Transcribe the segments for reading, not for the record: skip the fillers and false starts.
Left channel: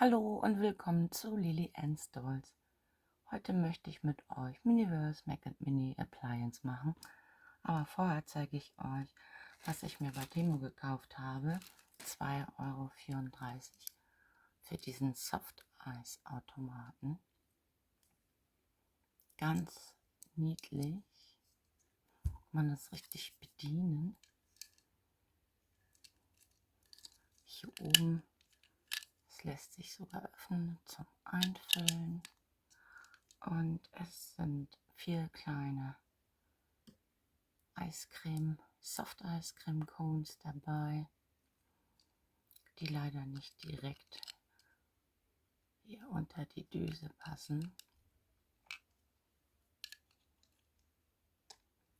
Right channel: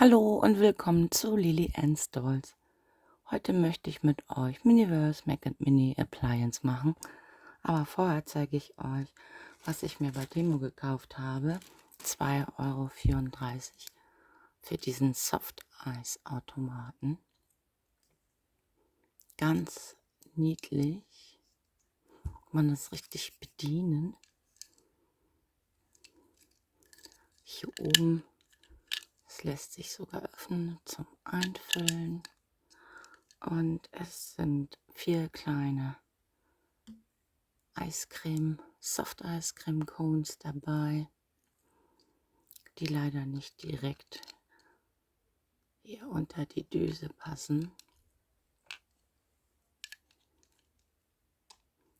Hallo und willkommen zu Lily Ann's Dolls. Heute möchte ich mit euch Miniverse Mac Mini Appliance machen, aber vorher zeige ich euch, was ich mir bei Temu gekauft habe. 2,34 € für diesen Soft Eis Automaten. Ganz niedlich. Man es richtig bedienen. Hier oben, es lässt sich sogar öffnen zum Einfüllen. Und es sind 4 kleine Soft-Eiscreme-Cones dabei, die leider nicht direkt hier unter die Düse passen.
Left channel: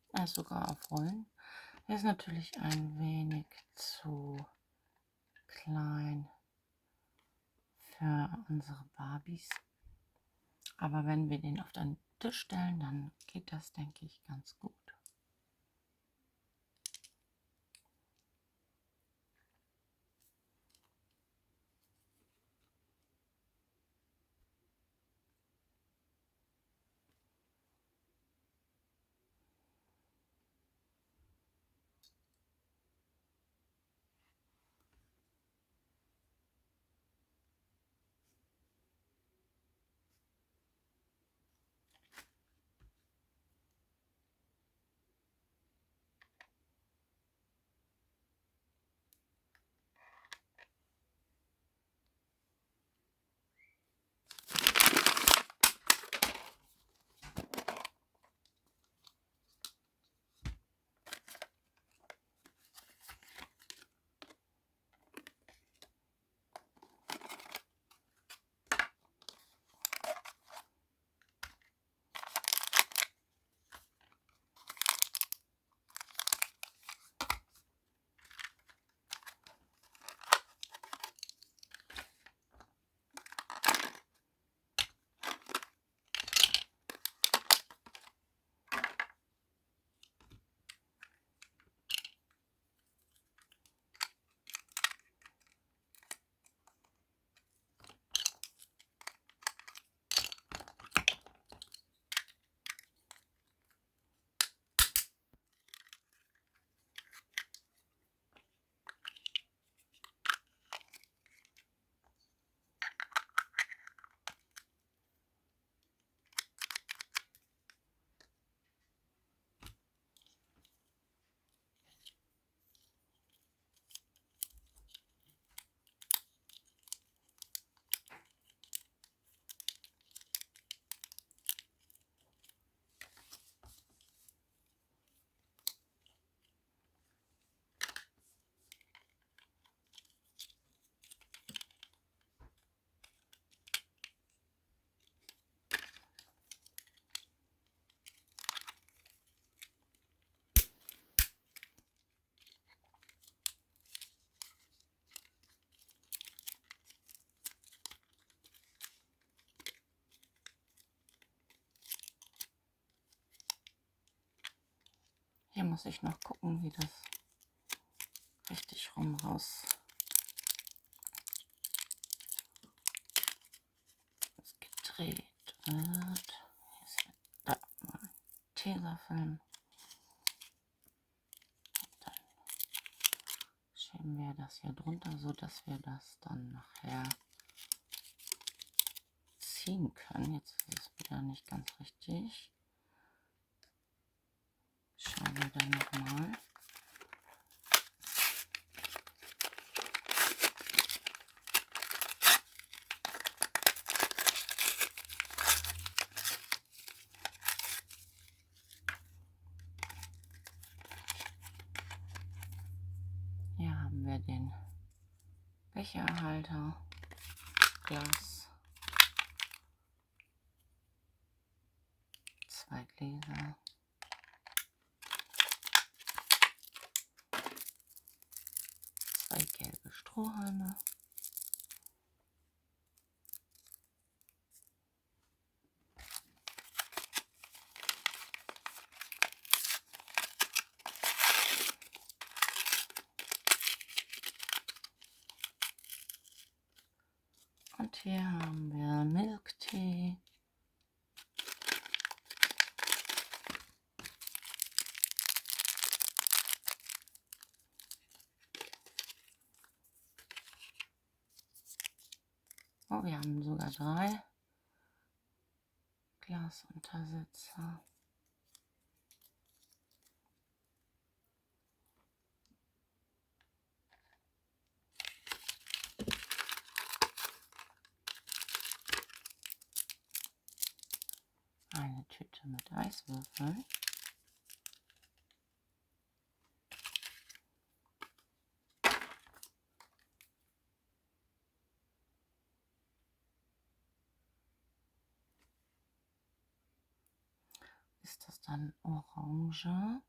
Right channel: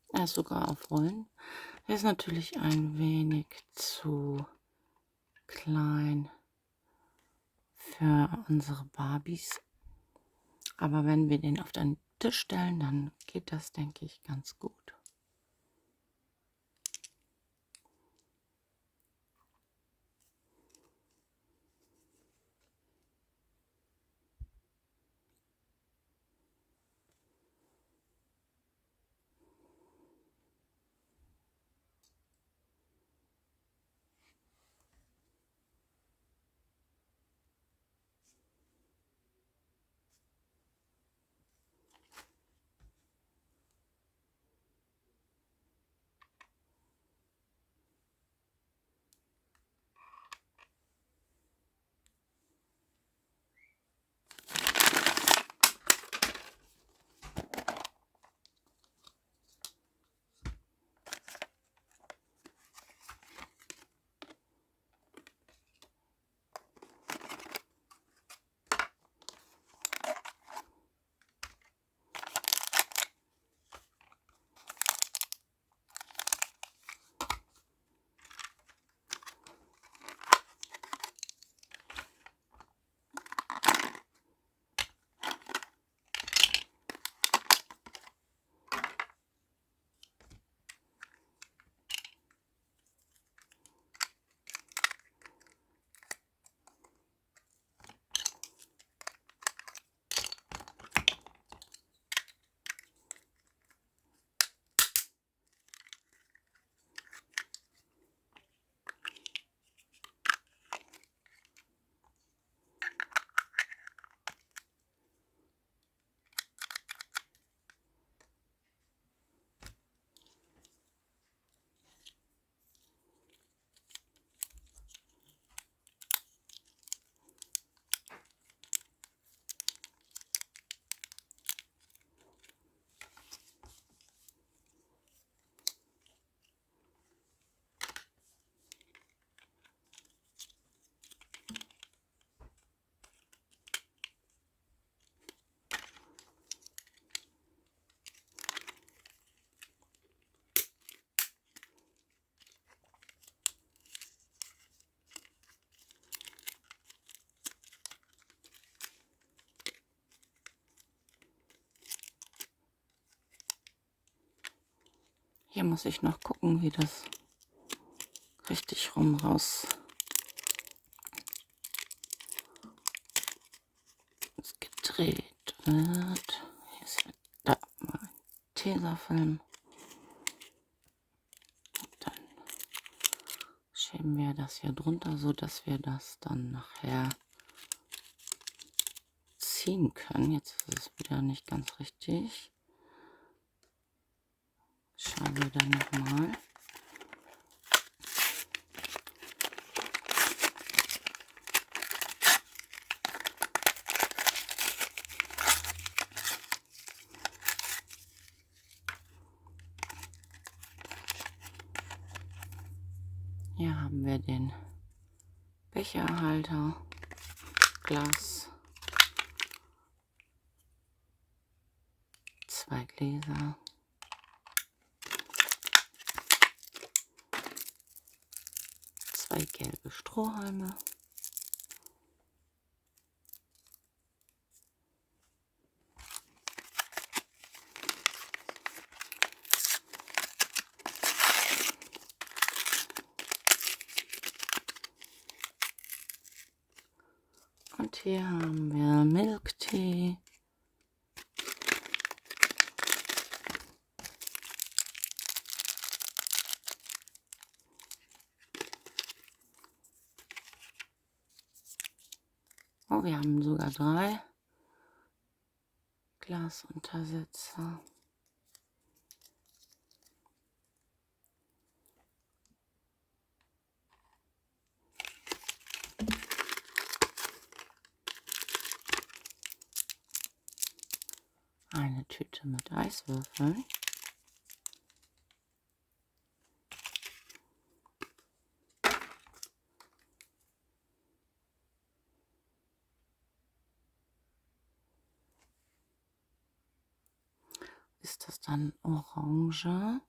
Er ist sogar auf Rollen. Er ist natürlich ein wenig zu klein für unsere Barbies. Aber wenn wir den auf den Tisch stellen, dann geht das, denke ich, ganz gut. Hier muss ich noch gucken, wie das richtig rum raus gedreht wird. Hier ist da mein Tesafilm. Dann schieben wir das hier drunter, so dass wir das dann nachher ziehen können. Jetzt ist es wieder nicht ganz richtig. Schauen wir dann nochmal. Hier haben wir den Becherhalter, Glas, 2 Gläser, zwei gelbe Strohhalme, Und hier haben wir Milktee. Oh, wir haben sogar 3 Glasuntersetzer. Eine Tüte mit Eiswürfeln. Ist das dann Orange?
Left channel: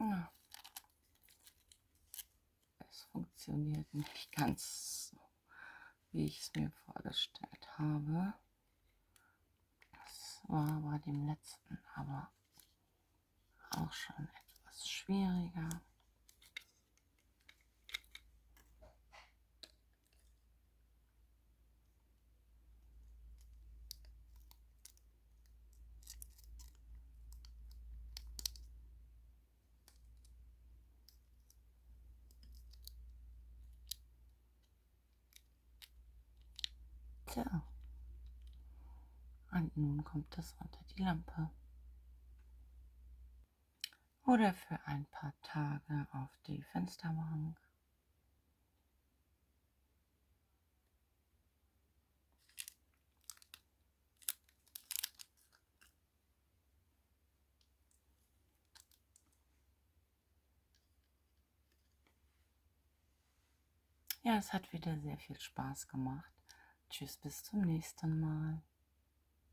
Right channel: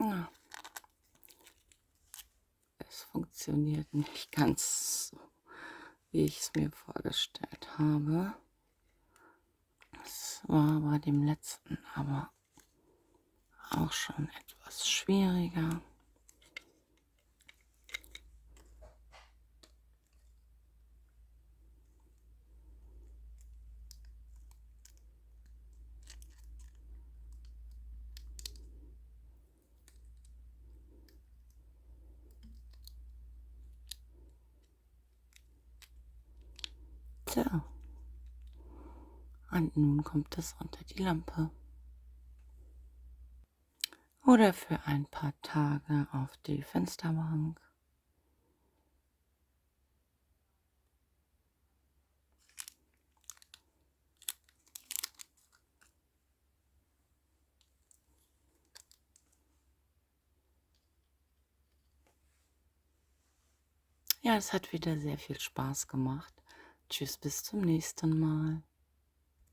Na, es funktioniert nicht ganz so, wie ich es mir vorgestellt habe. Es war bei dem letzten aber auch schon etwas schwieriger. Tja, und nun kommt es unter die Lampe. Oder für ein paar Tage auf die Fensterbank. Ja, es hat wieder sehr viel Spaß gemacht. Tschüss, bis zum nächsten Mal.